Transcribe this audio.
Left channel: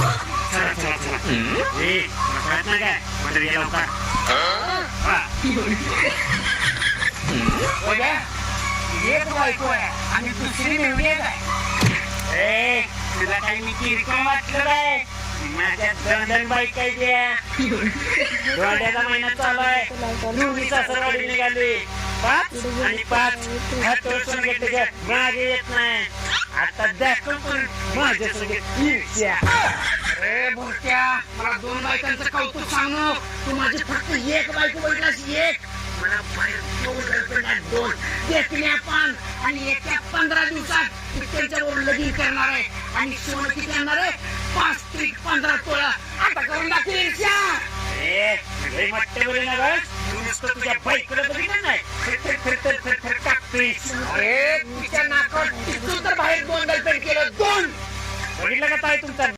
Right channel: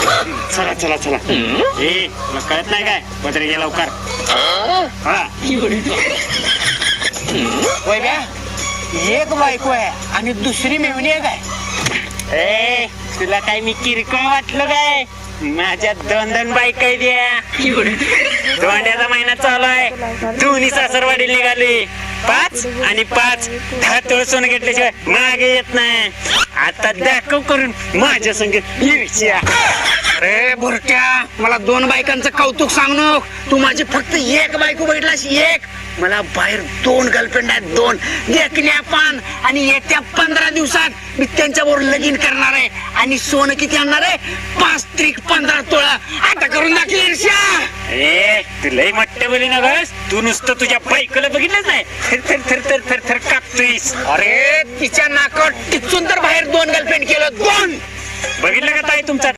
चला चला चला ए तुला कळत नाही काय पदरी ये लवकर एक बायको आहे आणि दुसरी मेवणी आहे काय? ए तुला काय मी किरकोळ वाटलं काय? माझ्या दोन दोन बाईक द्या दोंड्याचा महिना चालू आहे दोन्ही सासरवाडी निघाली 5 आणि 5 तुळसून घेतल्याशिवाय मागे येत नाही आता दाखव करून माझ्या संग अरे बुरट्या मला 2 बायकांचं कौतुक सांग नको तू माझी फक्त एक बायको बघितलास एक मला बाहेर 2 गर्लफ्रेंड आहेत 2 देखण्या पान आणि येत्या 15 दिवसात मी त्यांच्यावर लगीन करणार आहे आणि सोनं किती आणणार आहे 5 त्रिक 15 तोळा आता करून दाखली ईर्ष्या ए तू लई मोठ्या बोली नव्हस तू नुसतं तुझ्या बायकोला बघितलंच नाही थर थर थर थर थर थर कापतोयस अरे तिच्या नाकात टिचून तर बाहेर 2 गर्लफ्रेंड केलं 2 बघितलं का ताई तुमचा